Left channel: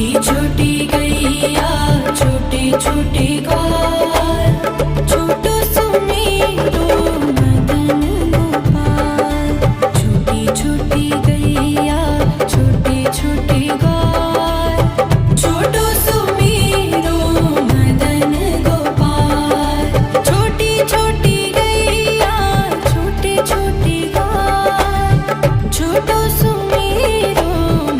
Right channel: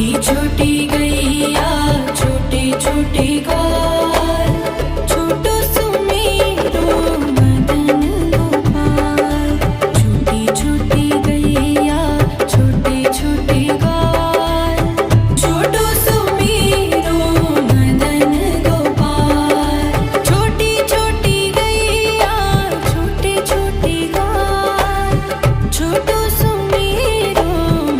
छोटी छोटी गैया छोटे छोटे ग्वाल, छोटो सुमेरो मदन गोपाल। छोटी छोटी गैया छोटे छोटे ग्वाल, छोटो सुमेरो मदन गोपाल। छोटी छोटी गैया छोटे छोटे ग्वाल, छोटो सुमेरो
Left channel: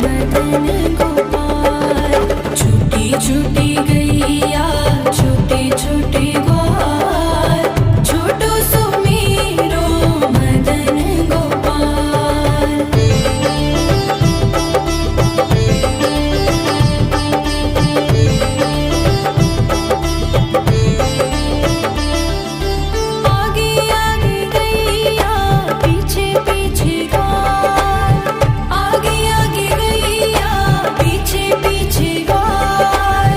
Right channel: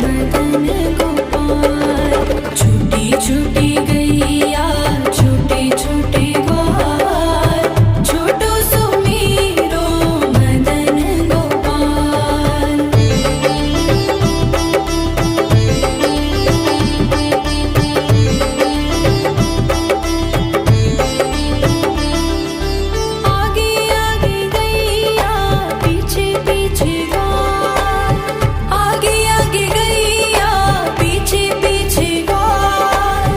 मदन गोपाल। छोटी छोटी गैया छोटे छोटे ग्वाल, छोटो सुमेरो मदन गोपाल। आगे आगे गैया पीछे पीछे ग्वाल, आगे आगे गैया पीछे पीछे ग्वाल।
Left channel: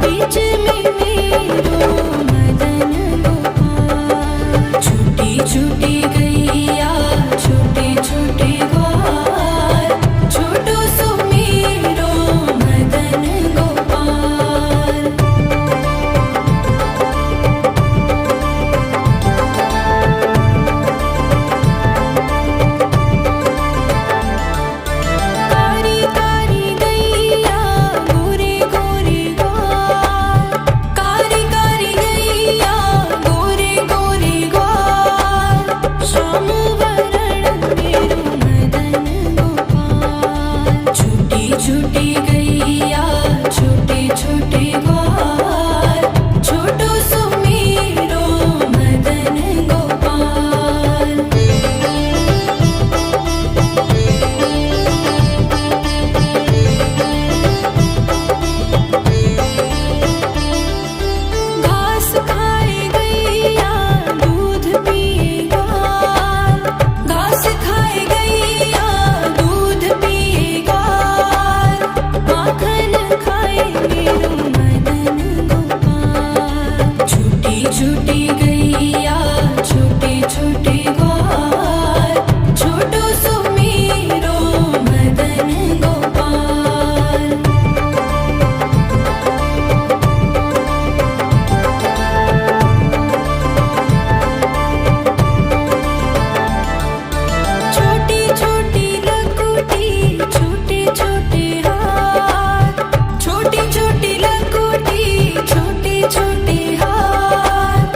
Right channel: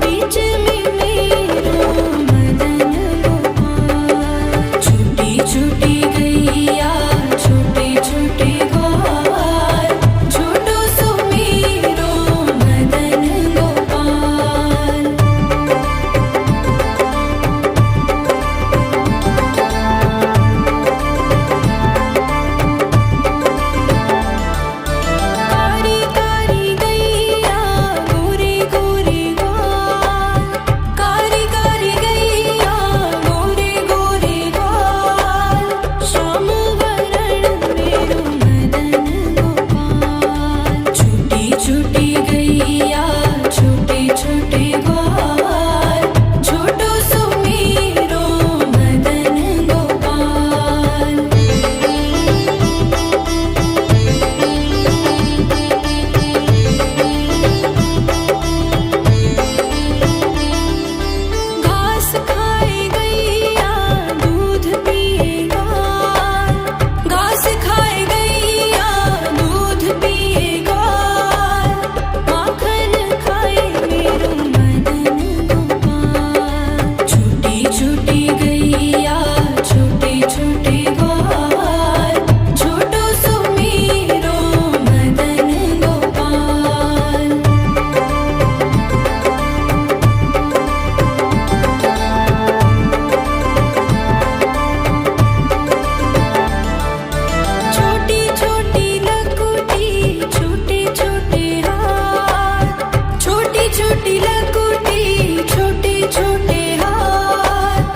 बीच में मेरो मदन गोपाल। छोटी छोटी गैया छोटे छोटे ग्वाल, छोटो सुमेरो मदन गोपाल। कारी कारी गैया गोरे गोरे ग्वाल, कारी कारी गैया गोरे गोरे ग्वाल। श्याम वरण मेरो मदन गोपाल। छोटी छोटी गैया छोटे छोटे ग्वाल, छोटो सुमेरो मदन गोपाल। घास खाए गैया दूध पिए ग्वाल, घास खाए गैया दूध पिए ग्वाल। माखन खाए मेरो मदन गोपाल। छोटी छोटी गैया छोटे छोटे ग्वाल, छोटो सुमेरो मदन गोपाल। छोटी छोटी लकुटी छोटे छोटे हाथ, छोटी छोटी लकुटी छोटे छोटे हाथ।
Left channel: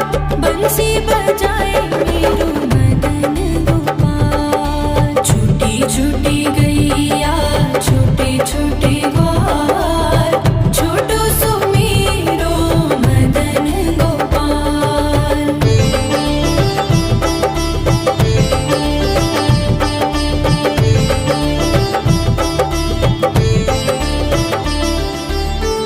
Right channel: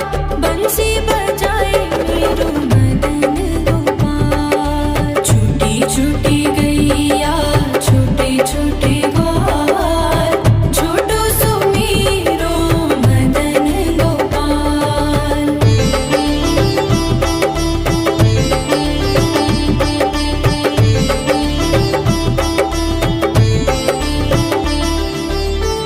बंसी बजाए मेरो मदन गोपाल। छोटी छोटी गैया छोटे छोटे ग्वाल, छोटो सुमेरो मदन गोपाल।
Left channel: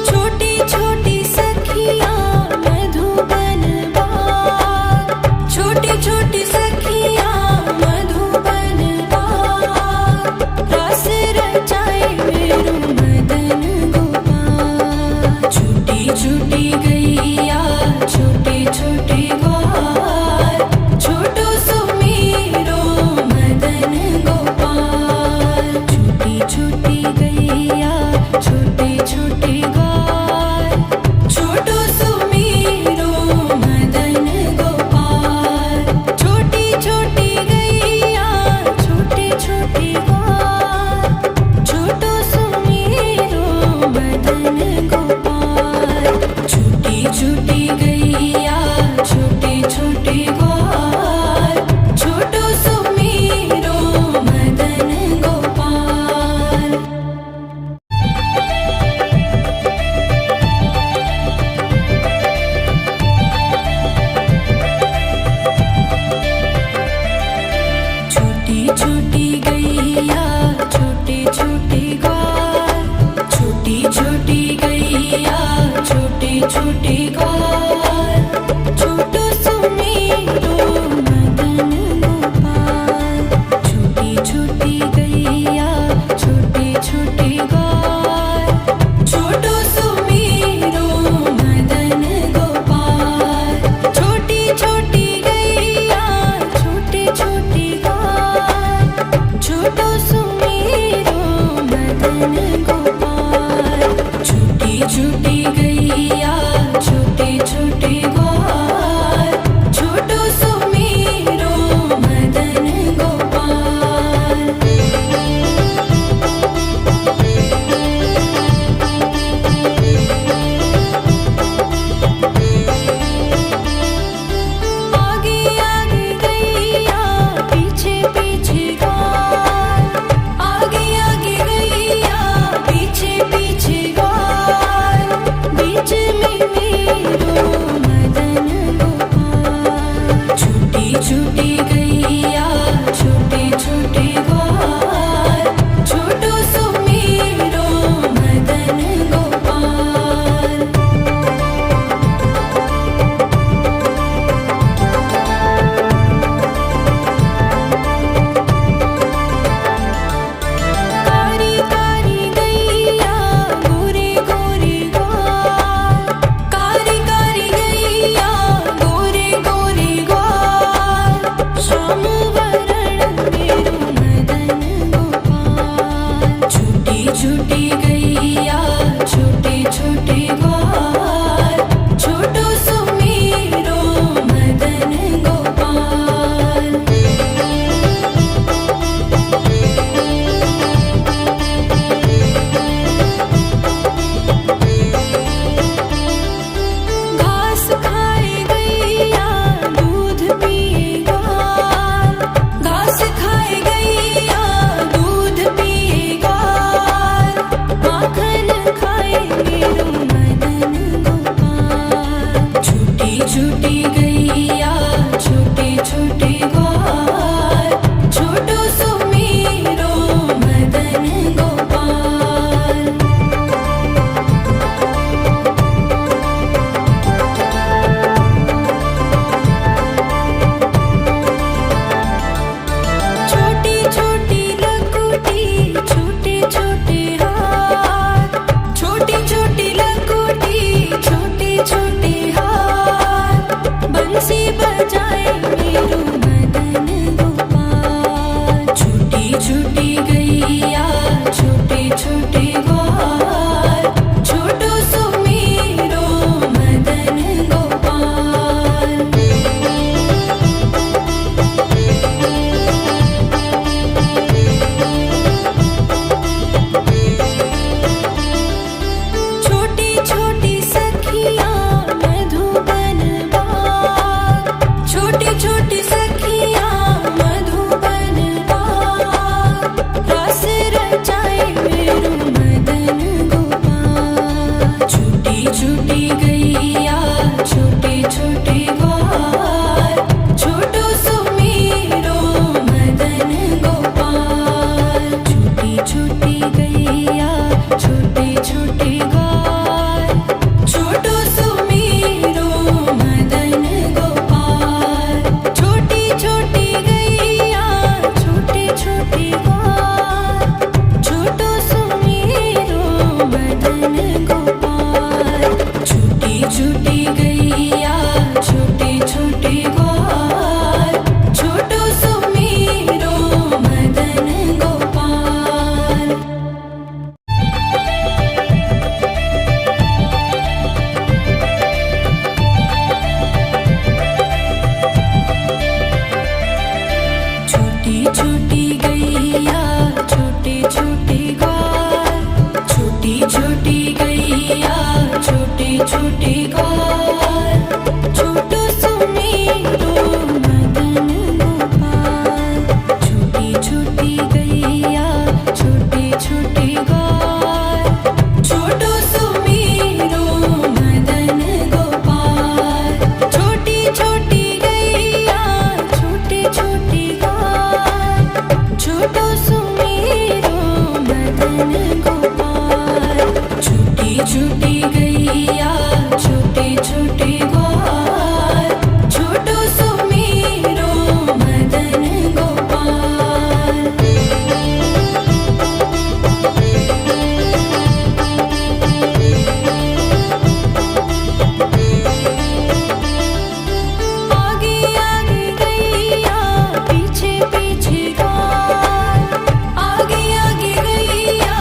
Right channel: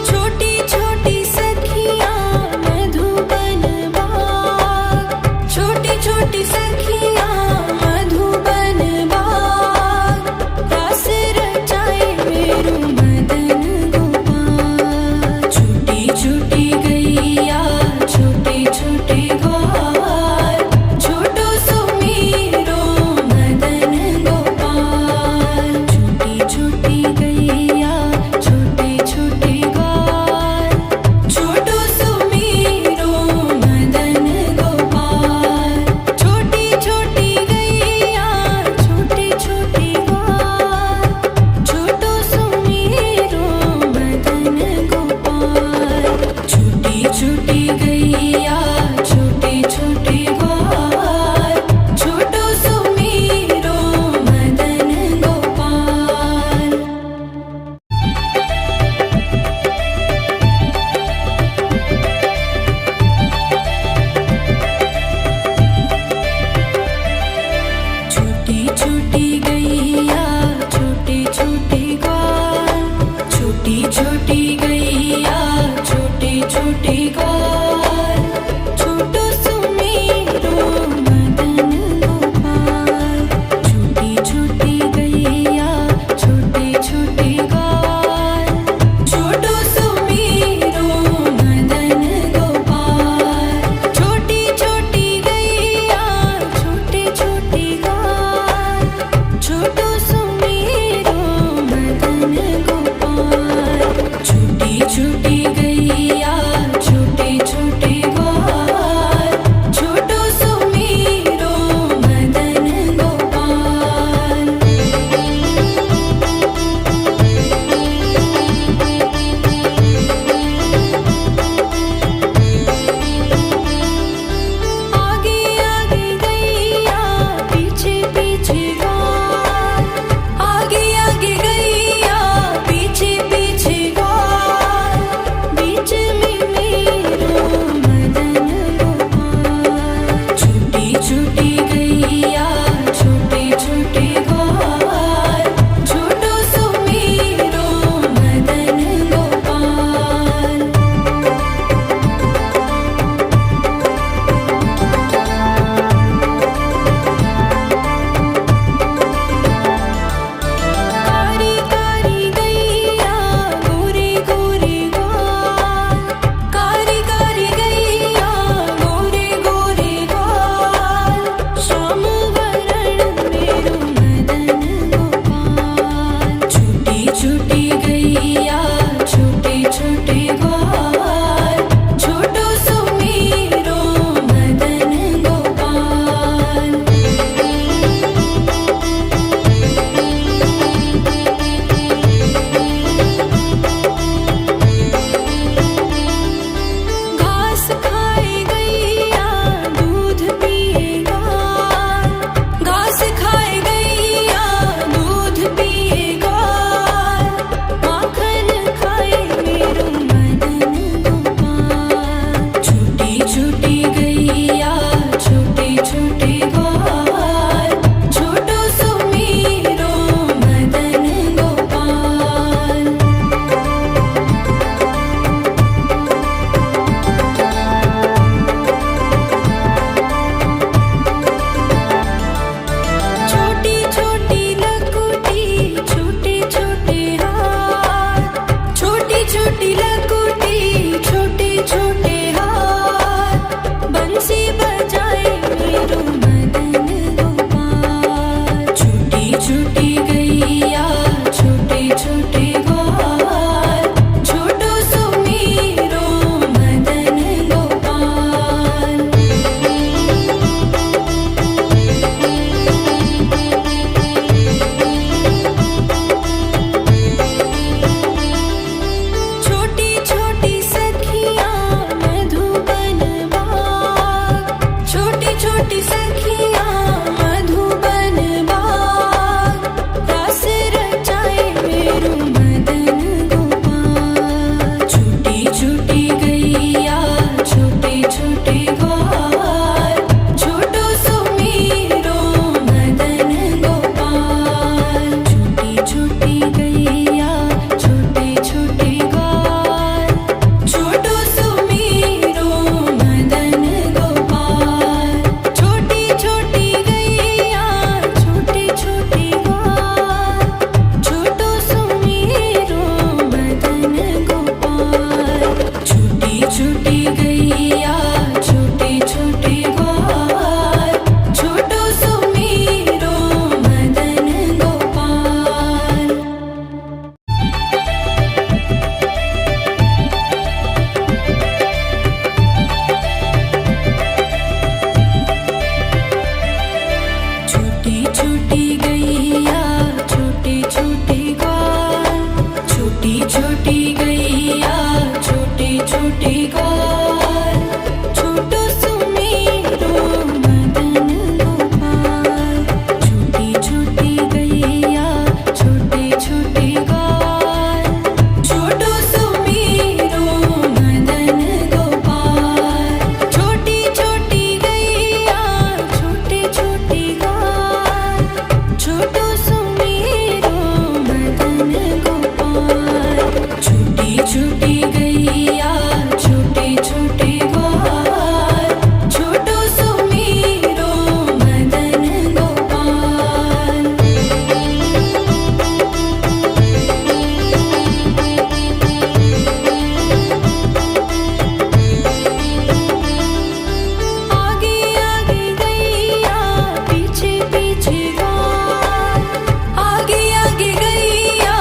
छोटी छोटी सखियाँ मधुबन बाग, छोटी छोटी सखियाँ मधुबन बाग। रास रचाए मेरो मदन गोपाल। छोटी छोटी गैया छोटे छोटे ग्वाल, छोटो सुमेरो मदन गोपाल। छोटी छोटी गैया छोटे छोटे ग्वाल, छोटो सुमेरो मदन गोपाल। छोटी छोटी गैया छोटे छोटे ग्वाल, छोटो सुमेरो मदन गोपाल। छोटी छोटी गैया छोटे छोटे ग्वाल, छोटो सुमेरो मदन गोपाल। छोटी छोटी गैया छोटे छोटे ग्वाल, छोटी छोटी गैया छोटे छोटे ग्वाल, छोटो सुमेरो मदन गोपाल। छोटी छोटी गैया छोटे छोटे ग्वाल, छोटो सुमेरो मदन गोपाल। छोटी छोटी गैया छोटे छोटे ग्वाल, छोटो सुमेरो मदन गोपाल। गैया छोटे छोटे ग्वाल छोटो सुमेरो मदन गोपाल। घास खाए गैया दूध पिए ग्वाल घास खाए गैया दूध पिए ग्वाल माखन खाए मेरो मदन गोपाल। छोटी छोटी गैया छोटे छोटे ग्वाल छोटो सुमेरो मदन गोपाल। छोटी छोटी लकुटी छोटे छोटे हाथ छोटी छोटी लकुटी छोटे छोटे हाथ बंसी बजाए मेरो मदन गोपाल। छोटी छोटी गैया छोटे छोटे ग्वाल छोटो सुमेरो मदन गोपाल। छोटी छोटी सखियाँ मधुबन बाग छोटी छोटी सखियाँ मधुबन बाग रास रचाए मेरो मदन गोपाल। छोटी छोटी गैया छोटे छोटे ग्वाल छोटो सुमेरो मदन गोपाल। छोटी छोटी गैया छोटे छोटे ग्वाल छोटो सुमेरो मदन गोपाल। छोटी छोटी गैया छोटे छोटे ग्वाल छोटो सुमेरो मदन गोपाल। छोटी छोटी गैया छोटे छोटे ग्वाल छोटो सुमेरो मदन गोपाल। छोटी छोटी गैया छोटे छोटे ग्वाल छोटी छोटी गैया छोटे छोटे ग्वाल छोटो सुमेरो मदन गोपाल। छोटी छोटी गैया छोटे छोटे ग्वाल छोटो सुमेरो मदन गोपाल। छोटी छोटी गैया छोटे छोटे ग्वाल छोटो सुमेरो मदन गोपाल। छोटी छोटी गैया छोटे छोटे ग्वाल छोटो सुमेरो मदन गोपाल। आगे आगे गैया पीछे पीछे ग्वाल आगे आगे गैया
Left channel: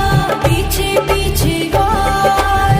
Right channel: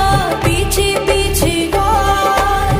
पीछे पीछे ग्वाल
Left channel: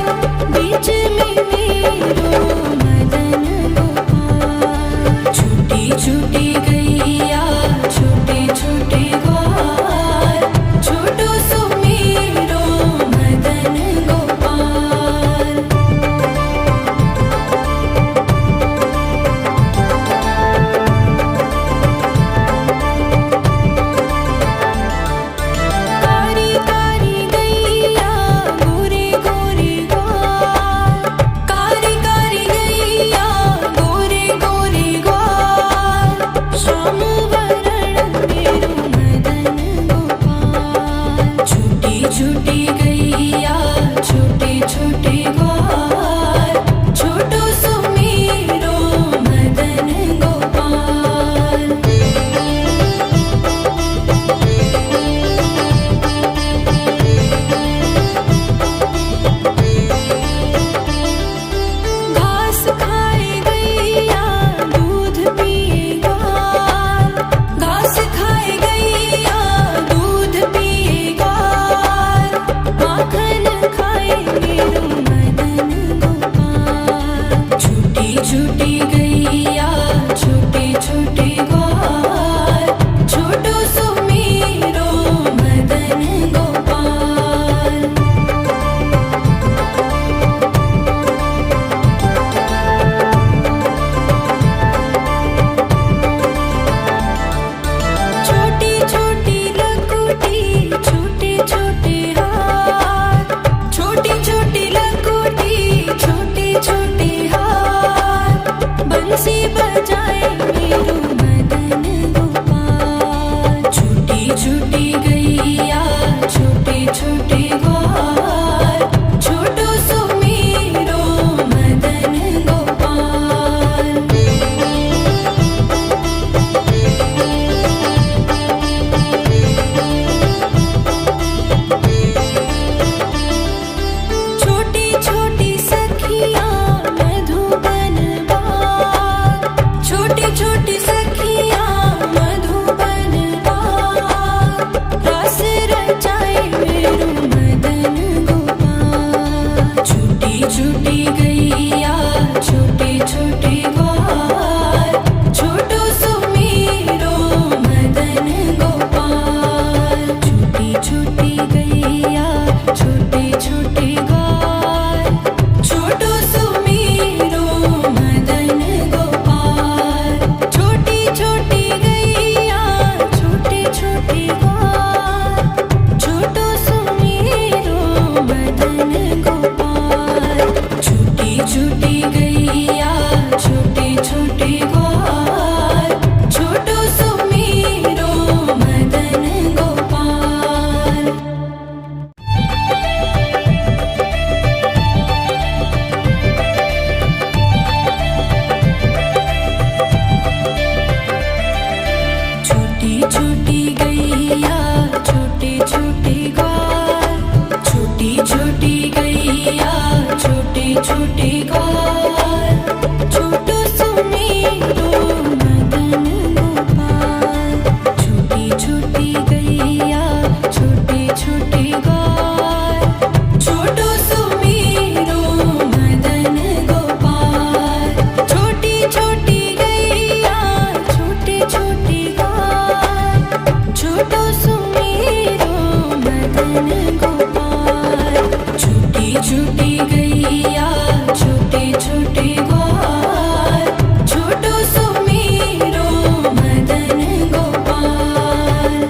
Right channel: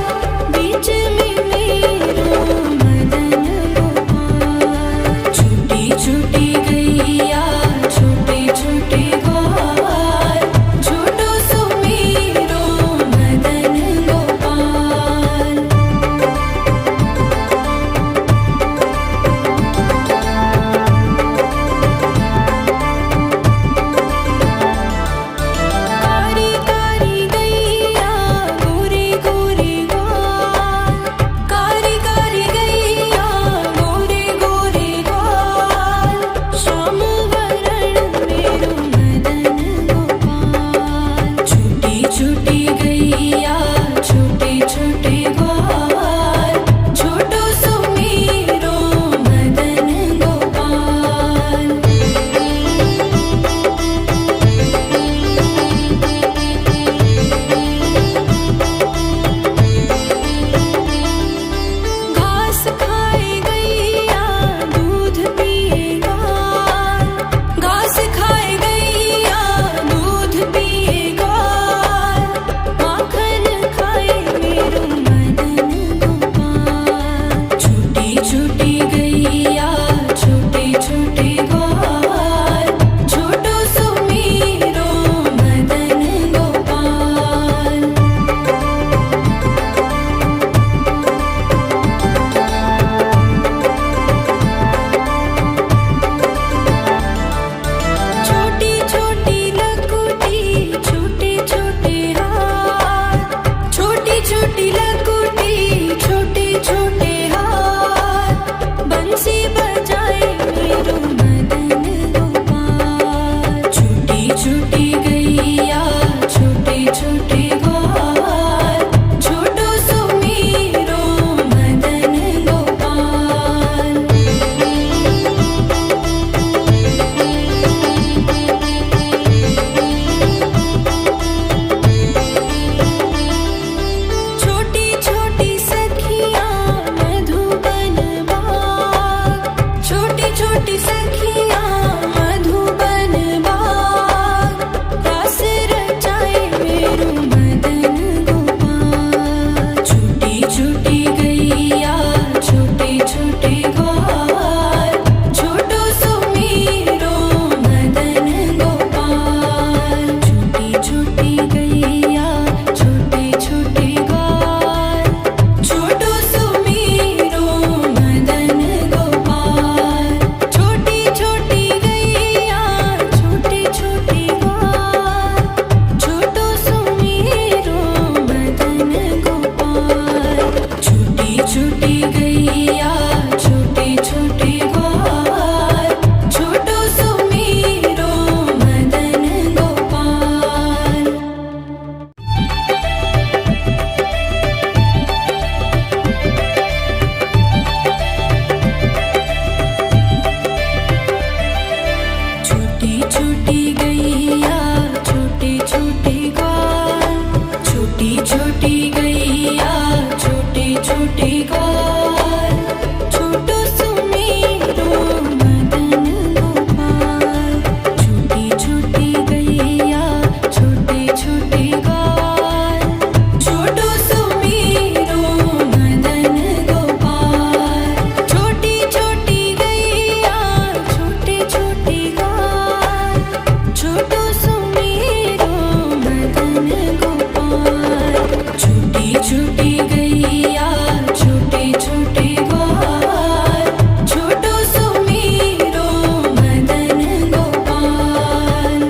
छूटी गैया छोटे छोटे ग्वाल छोटो सुमीरो मदन गोपाल।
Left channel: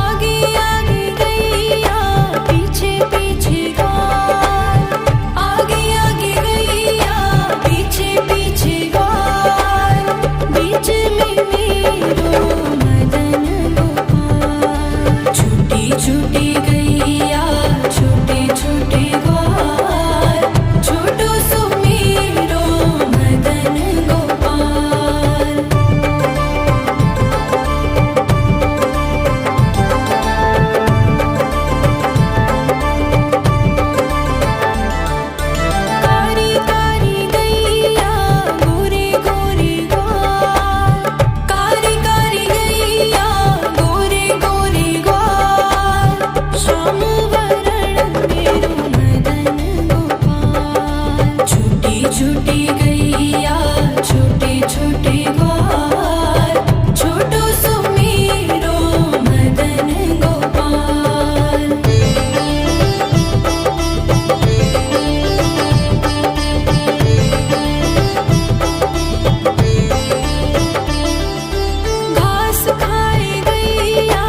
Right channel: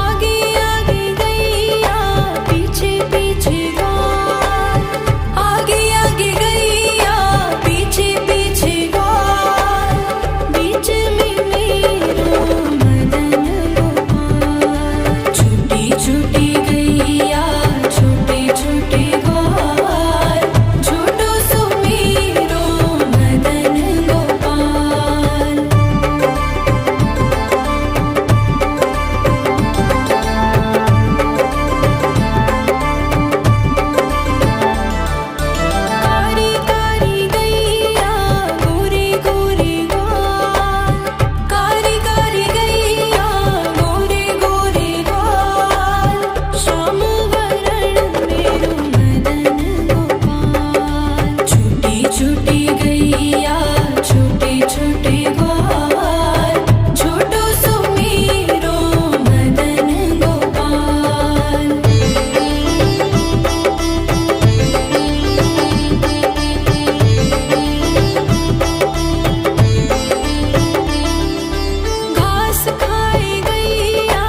आगे आगे गैया पीछे पीछे ग्वाल आगे आगे गैया पीछे पीछे ग्वाल बीच में मेरो मदन गोपाल। छोटी छोटी गैया छोटे छोटे ग्वाल छोटो सुमीरो मदन गोपाल। कारी कारी गैया गोरे गोरे ग्वाल कारी कारी गैया गोरे गोरे ग्वाल श्याम वरण मेरो मदन गोपाल। छोटी छोटी गैया छोटे छोटे ग्वाल छोटो सुमीरो मदन गोपाल। घास खाए गैया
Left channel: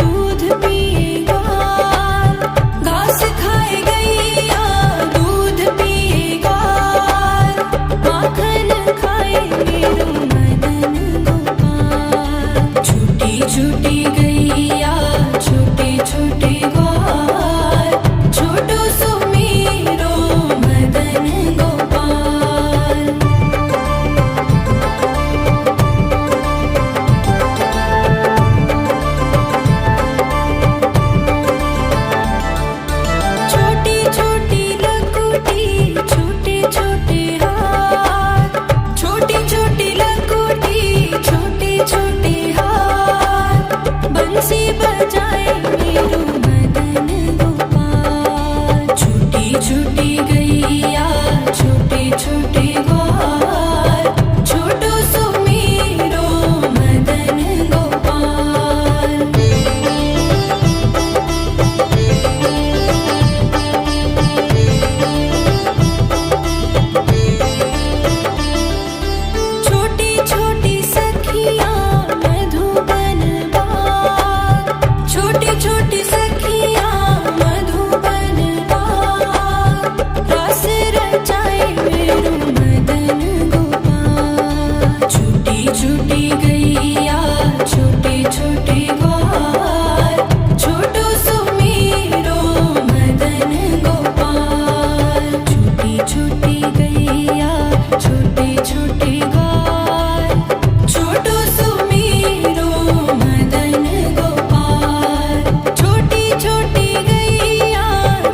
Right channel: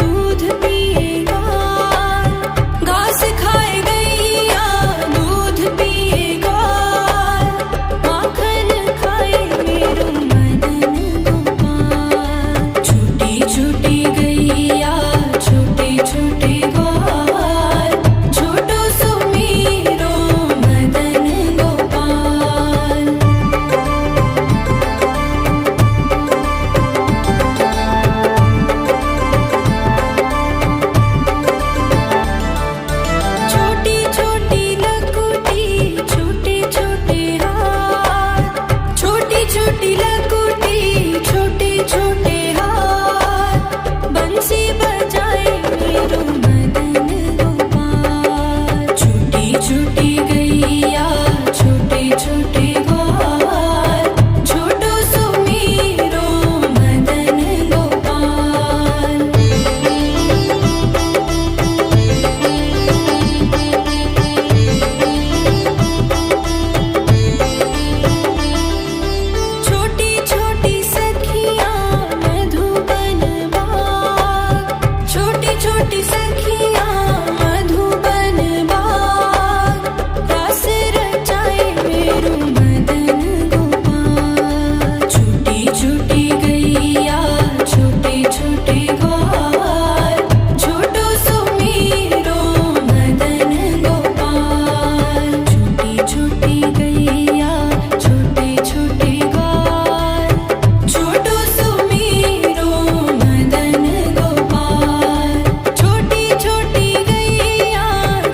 दूध पिए ग्वाल घास खाए गैया दूध पिए ग्वाल माखन खाए मेरो मदन गोपाल। छोटी छोटी गैया छोटे छोटे ग्वाल छोटो सुमीरो मदन गोपाल। छोटी छोटी लकुटी छोटे छोटे हाथ छोटी छोटी लकुटी छोटे छोटे हाथ बंसी बजाए मेरो मदन गोपाल। छोटी छोटी गैया छोटे छोटे ग्वाल छोटो सुमीरो मदन गोपाल। छोटी छोटी सखियाँ मधुबन बाग छोटी छोटी सखियाँ मधुबन बाग रस रचाए मेरो मदन गोपाल। छोटी छोटी गैया छोटे छोटे ग्वाल छोटो सुमीरो मदन गोपाल। छोटी छोटी गैया छोटे छोटे ग्वाल छोटो सुमीरो मदन गोपाल। छोटी छोटी गैया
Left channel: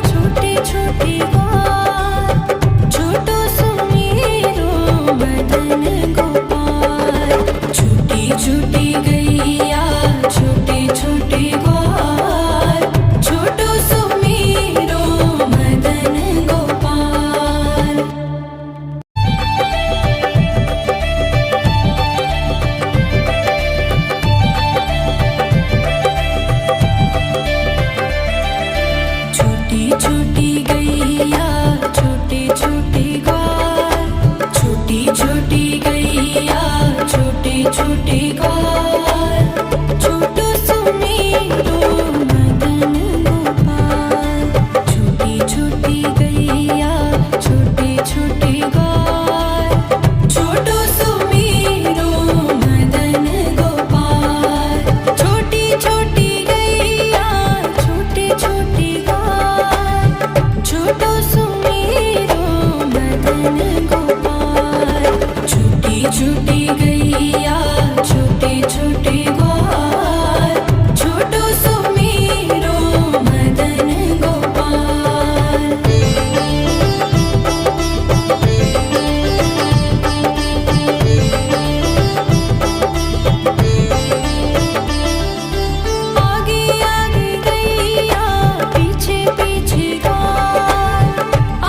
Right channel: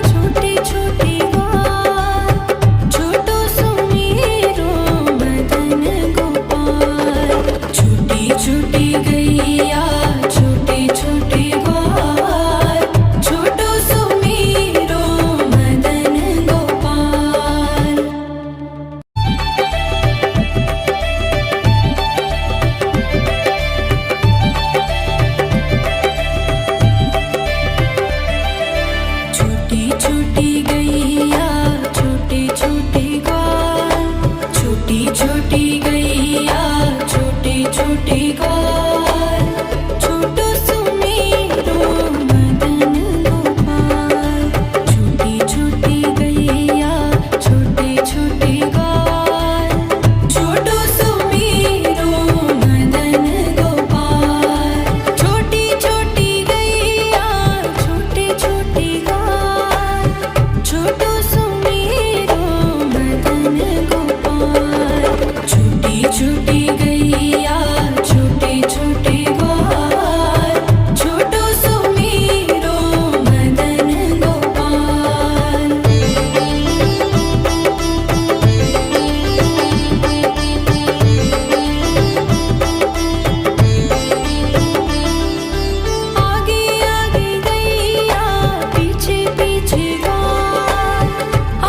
छोटे छोटे ग्वाल छोटो सुमीरो मदन गोपाल। छोटी छोटी गैया छोटे छोटे ग्वाल छोटो सुमीरो मदन गोपाल। छोटी छोटी गैया छोटे छोटे ग्वाल छोटी छोटी गैया छोटे छोटे ग्वाल छोटो सुमीरो मदन गोपाल। छोटी छोटी गैया छोटे छोटे ग्वाल छोटो सुमीरो मदन गोपाल। छोटी छोटी गैया छोटे छोटे ग्वाल छोटो सुमीरो मदन गोपाल। छोटी छोटी गैया छोटे छोटे ग्वाल छोटो सुमीरो मदन गोपाल। आगे आगे गैया पीछे पीछे ग्वाल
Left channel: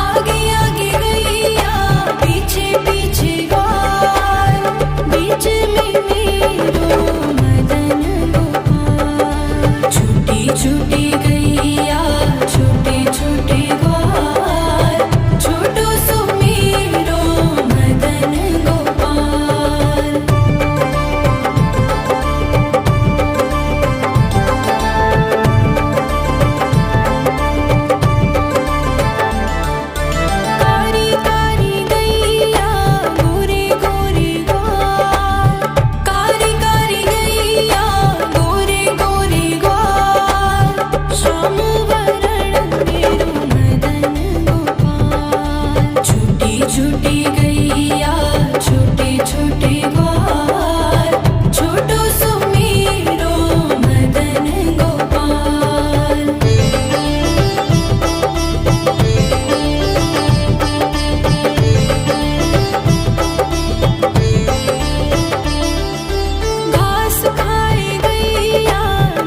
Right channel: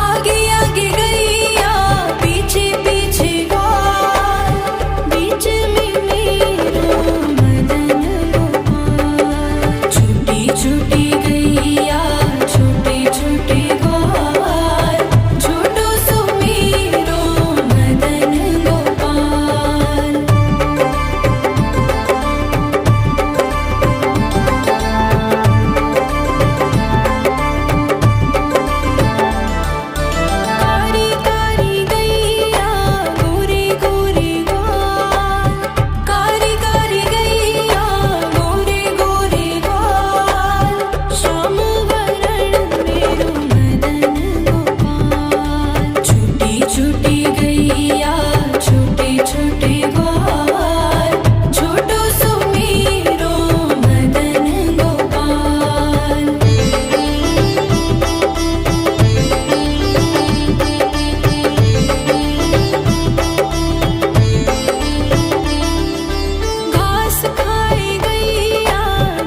आगे आगे गैया पीछे पीछे ग्वाल ग्वाल, छोटो सुमेरो मदन गोपाल। घास खाए गैया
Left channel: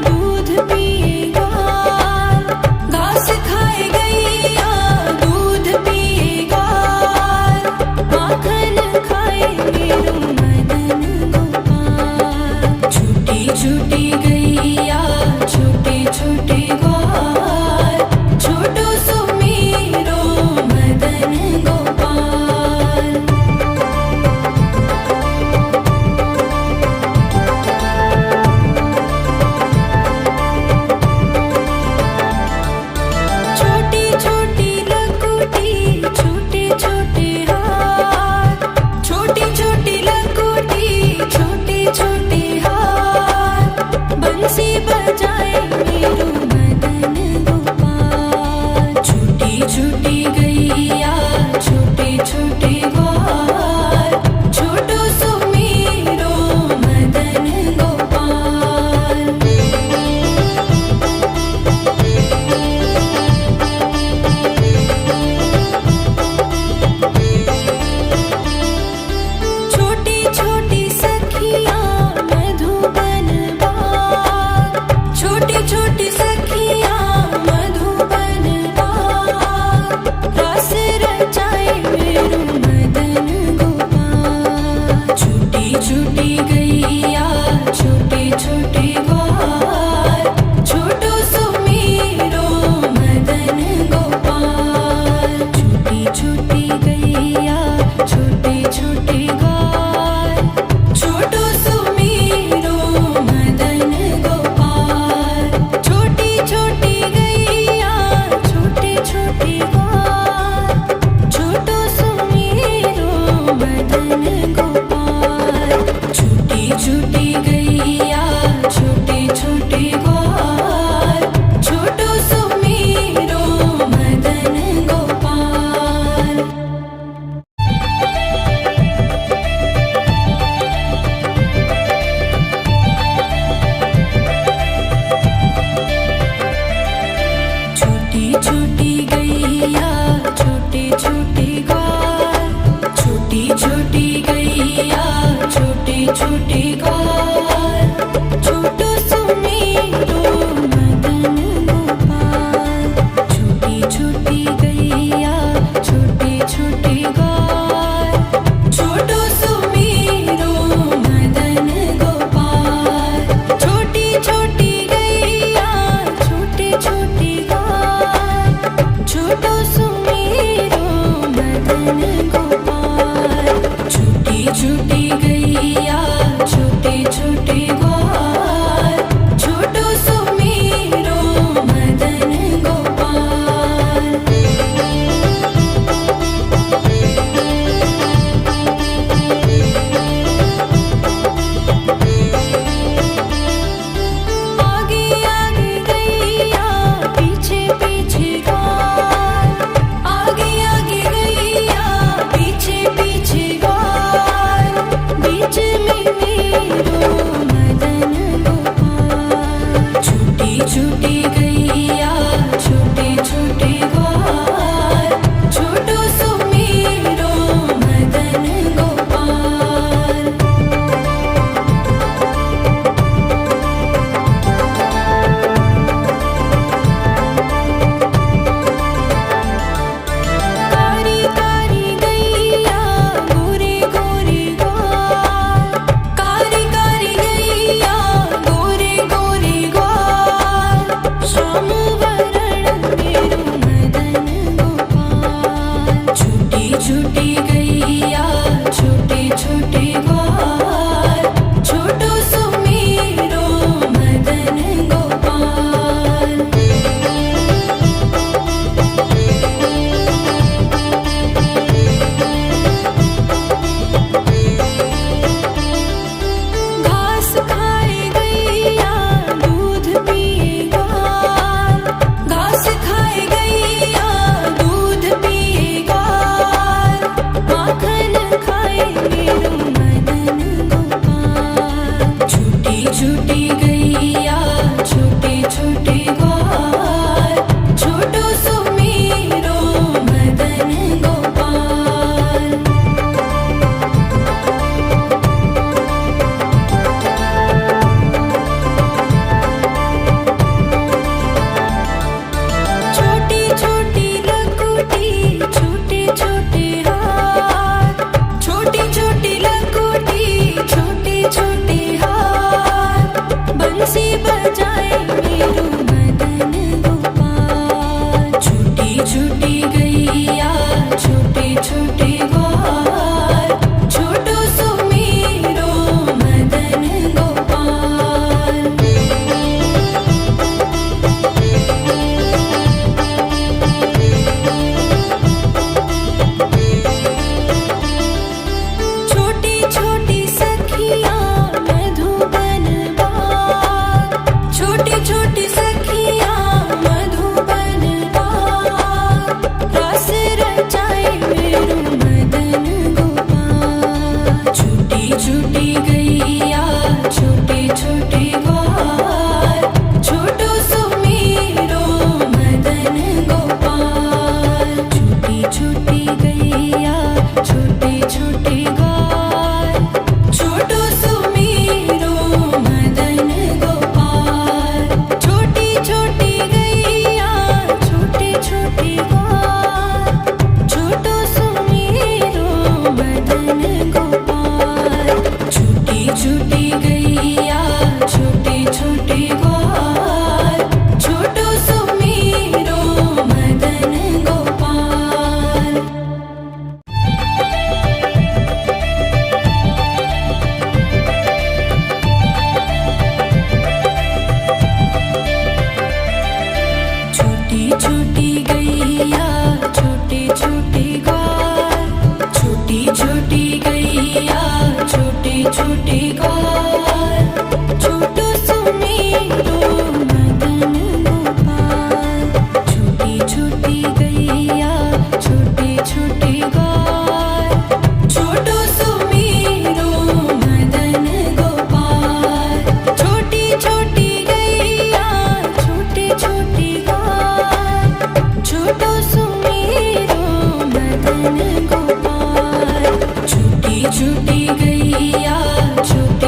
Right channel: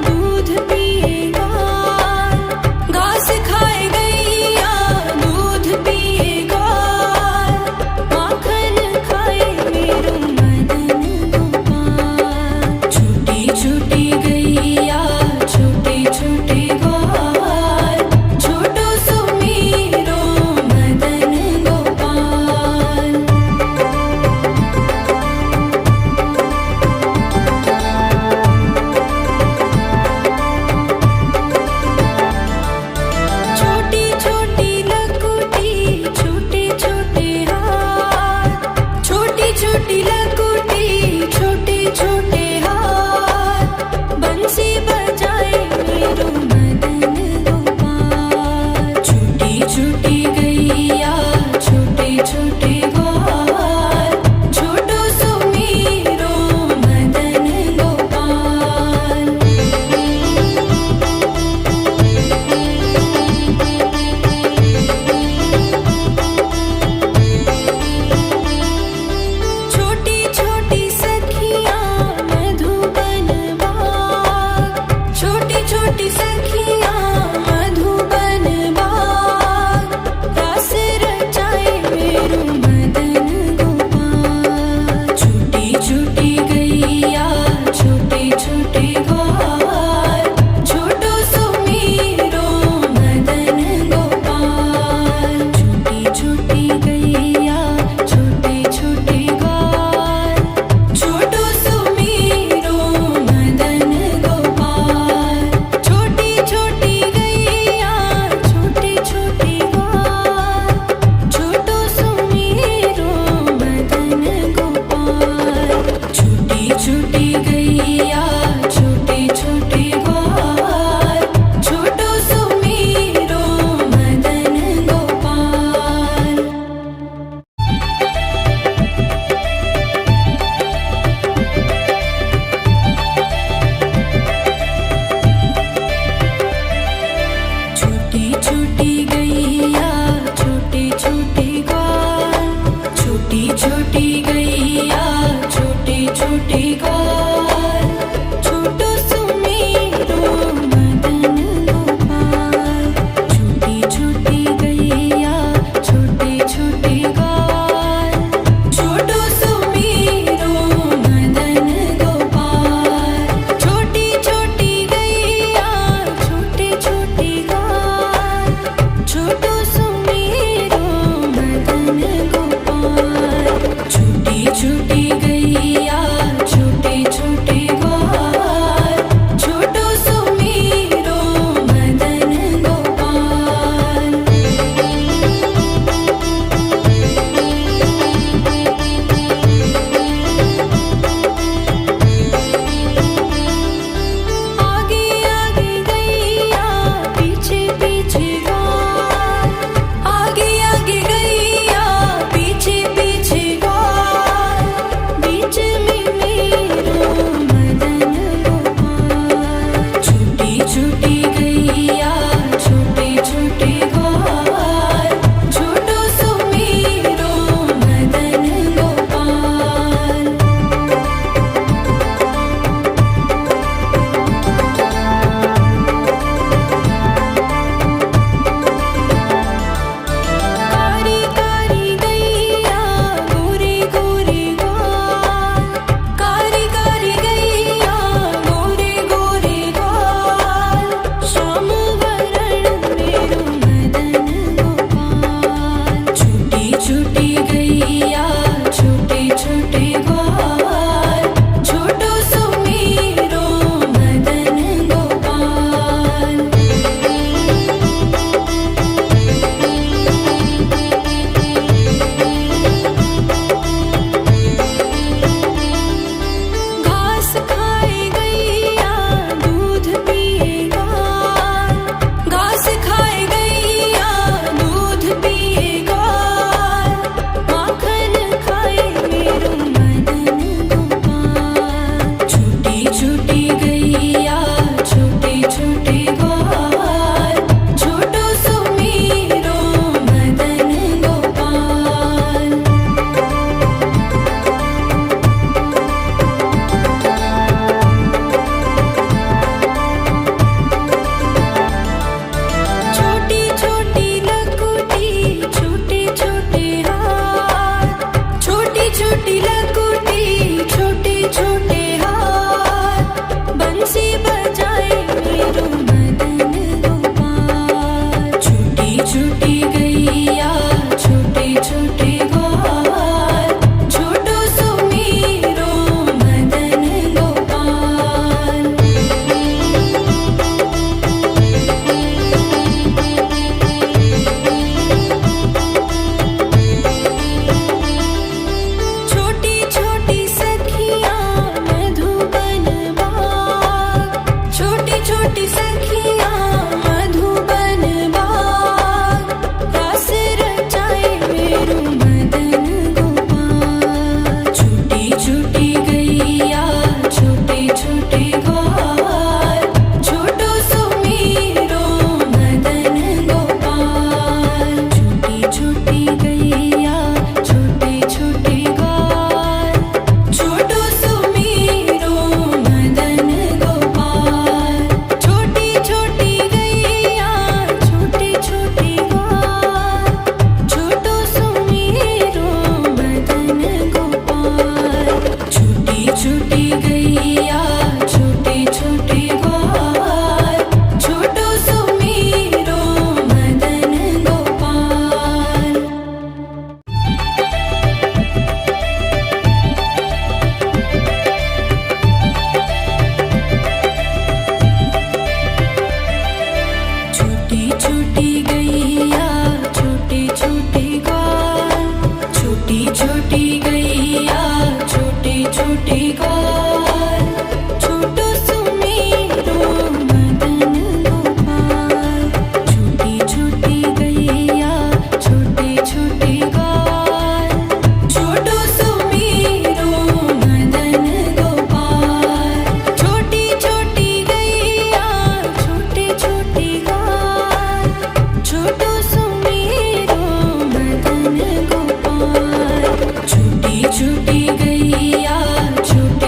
दूध पिए ग्वाल, घास खाए गैया दूध पिए ग्वाल, माखन खाए मेरो मदन गोपाल। छोटी छोटी गैया छोटे छोटे ग्वाल, छोटो सुमेरो मदन गोपाल। छोटी छोटी लकुटी छोटे छोटे हाथ, छोटी छोटी लकुटी छोटे छोटे हाथ, बंसी बजाए मेरो मदन गोपाल। छोटी छोटी गैया छोटे छोटे ग्वाल, छोटो सुमेरो मदन गोपाल। छोटी छोटी सखियाँ मधुबन बाग, छोटी छोटी सखियाँ मधुबन बाग, रास रचाए मेरो मदन गोपाल। छोटी छोटी गैया छोटे छोटे ग्वाल, छोटो सुमेरो मदन गोपाल। छोटी छोटी गैया छोटे छोटे ग्वाल, छोटो सुमेरो मदन गोपाल। छोटी छोटी गैया छोटे छोटे ग्वाल, छोटो सुमेरो मदन गोपाल। छोटी छोटी गैया छोटे छोटे ग्वाल, छोटो सुमेरो मदन गोपाल। छोटी छोटी गैया छोटे छोटे ग्वाल, छोटी छोटी गैया छोटे छोटे ग्वाल, छोटो सुमेरो मदन गोपाल। छोटी छोटी गैया छोटे छोटे ग्वाल, छोटो सुमेरो मदन गोपाल। छोटी छोटी गैया छोटे छोटे ग्वाल, छोटो सुमेरो मदन गोपाल। छोटी छोटी गैया छोटे छोटे ग्वाल, छोटो सुमेरो मदन गोपाल। आगे आगे गैया पीछे पीछे ग्वाल, आगे आगे गैया पीछे पीछे ग्वाल, बीच में छूटी गैया छोटे छोटे ग्वाल छोटो सुमेरो मदन गोपाल। छोटी छोटी लकुटी छोटे छोटे हाथ छोटी छोटी लकुटी छोटे छोटे हाथ बंसी बजाए मेरो मदन गोपाल। छूटी छूटी गैया छोटे छोटे ग्वाल छोटो सुमेरो मदन गोपाल। छोटी छोटी सखियाँ मधुबन बाग छोटी छोटी सखियाँ मधुबन बाग रास रचाए मेरो मदन गोपाल। छूटी छूटी गैया छोटे छोटे ग्वाल छोटो सुमेरो मदन गोपाल। छूटी छूटी गैया छोटे छोटे ग्वाल छोटो सुमेरो मदन गोपाल। छोटी छोटी गैया छोटे छोटे ग्वाल छोटो सुमेरो मदन गोपाल। छूटी छूटी गैया छोटे छोटे ग्वाल छोटो सुमेरो मदन गोपाल। छोटी छोटी गैया छोटे छोटे ग्वाल छोटी छोटी गैया छोटे छोटे ग्वाल छोटो सुमेरो मदन गोपाल। छोटी छोटी गैया छोटे छोटे ग्वाल छोटो सुमेरो मदन गोपाल। छोटी छोटी गैया छोटे छोटे ग्वाल छोटो सुमेरो मदन गोपाल। छूटी छूटी गैया छोटे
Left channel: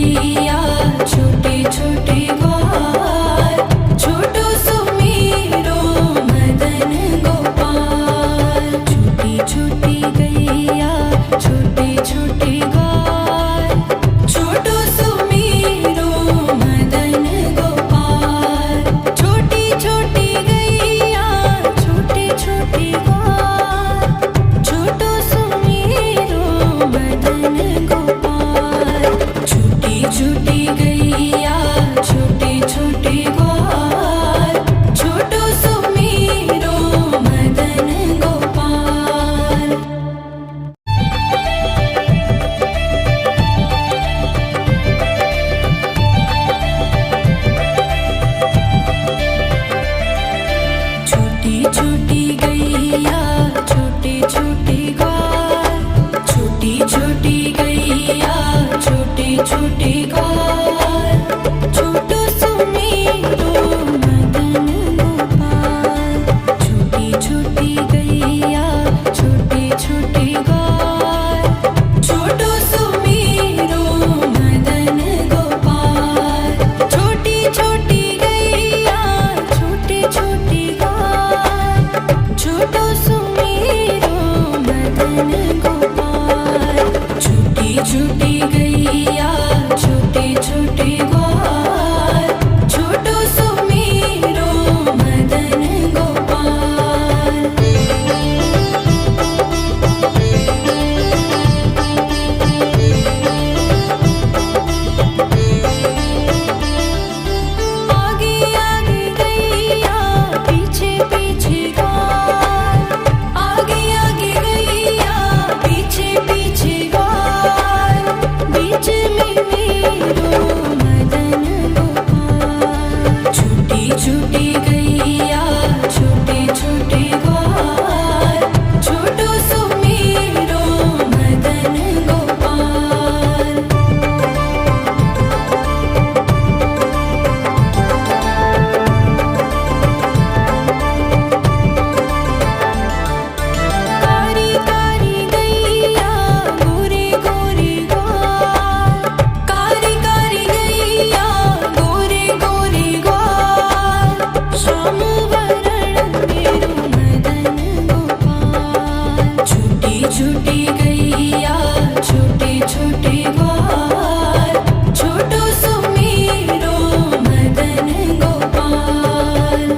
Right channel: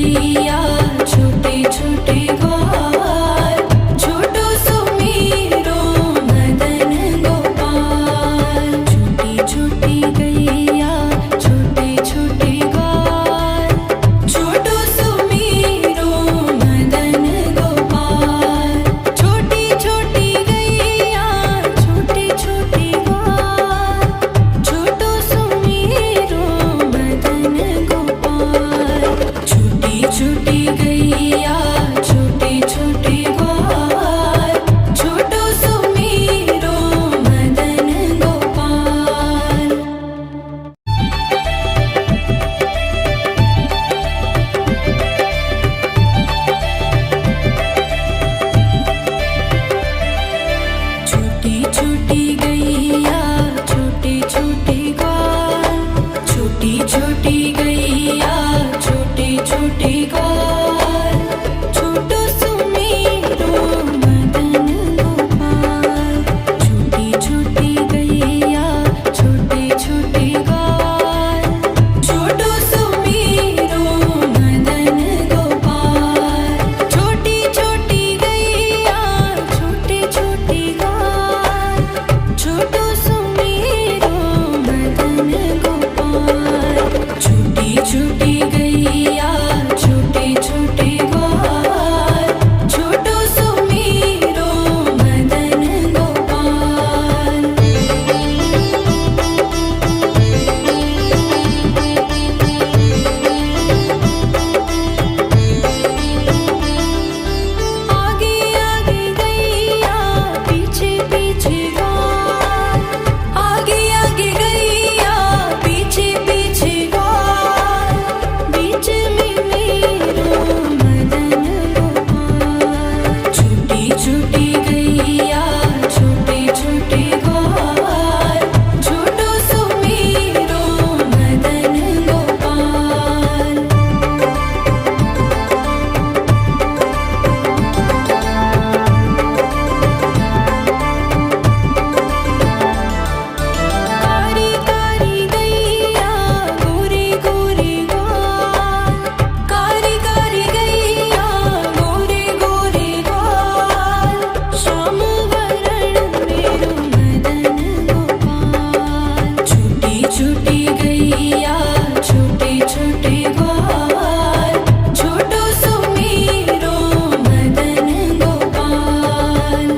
गैया छोटे छोटे ग्वाल, छोटो सुमेरो मदन गोपाल। छोटी छोटी गैया छोटे छोटे ग्वाल, छोटो सुमेरो मदन गोपाल। छोटी छोटी गैया छोटे छोटे ग्वाल, छोटो सुमेरो मदन गोपाल। छोटी छोटी गैया छोटे छोटे ग्वाल, छोटो सुमेरो मदन गोपाल। छोटी छोटी गैया छोटे छोटे ग्वाल, छोटी छोटी गैया छोटे छोटे ग्वाल, छोटो सुमेरो मदन गोपाल। छोटी छोटी गैया छोटे छोटे ग्वाल, छोटो सुमेरो मदन गोपाल। छोटी छोटी गैया छोटे छोटे ग्वाल, छोटो सुमेरो मदन गोपाल। छोटी छोटी गैया छोटे छोटे ग्वाल, छोटो सुमेरो मदन गोपाल। आगे आगे गैया पीछे पीछे ग्वाल, आगे आगे गैया पीछे पीछे ग्वाल। बीच में मेरो मदन गोपाल। छोटी छोटी गैया छोटे छोटे ग्वाल, छोटो सुमेरो मदन गोपाल। कारी कारी गैया गोरे गोरे ग्वाल, कारी कारी गैया गोरे गोरे ग्वाल। श्याम वरण मेरो मदन गोपाल। छोटी छोटी गैया छोटे छोटे ग्वाल, छोटो सुमेरो मदन गोपाल।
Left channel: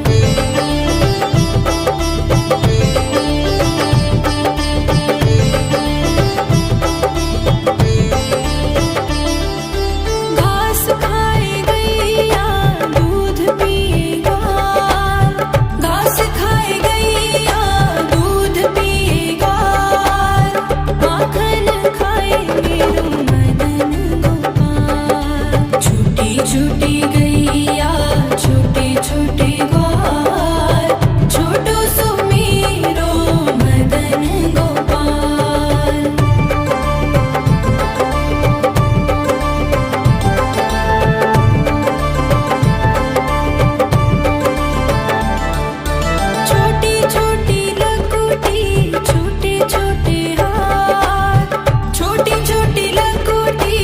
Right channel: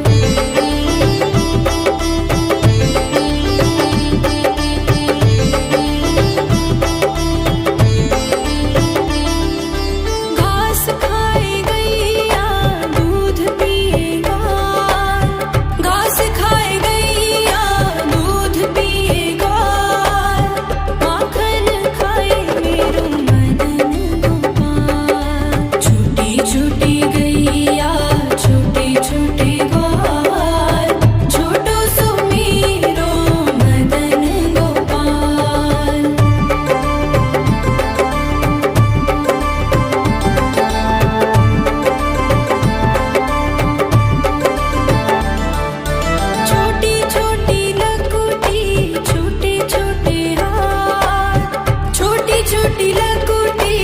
घास खाए गैया दूध पिए ग्वाल, घास खाए गैया दूध पिए ग्वाल। माखन खाए मेरो मदन गोपाल। छोटी छोटी गैया छोटे छोटे ग्वाल, छोटो सुमेरो मदन गोपाल। छोटी छोटी लकुटी छोटे छोटे हाथ, छोटी छोटी लकुटी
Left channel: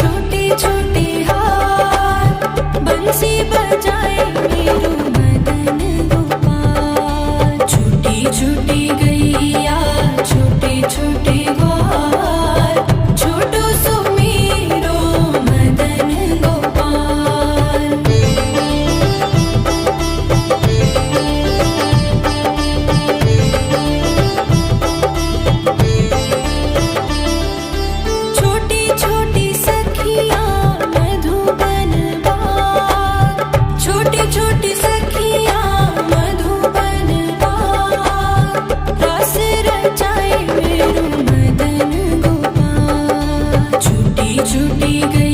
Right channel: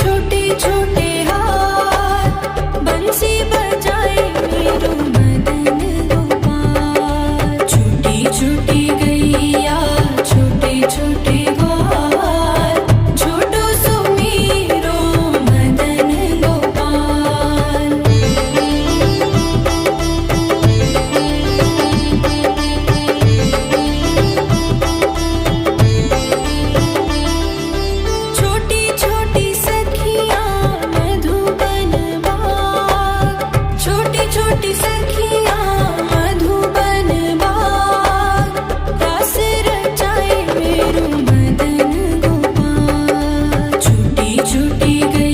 छोटे छोटे हाथ। बंसी बजाए मेरो मदन गोपाल। छोटी छोटी गैया छोटे छोटे ग्वाल, छोटो सुमेरो मदन गोपाल। छोटी छोटी सखियाँ मधुबन बाग, छोटी छोटी सखियाँ मधुबन बाग। रास रचाए मेरो मदन गोपाल। छोटी छोटी गैया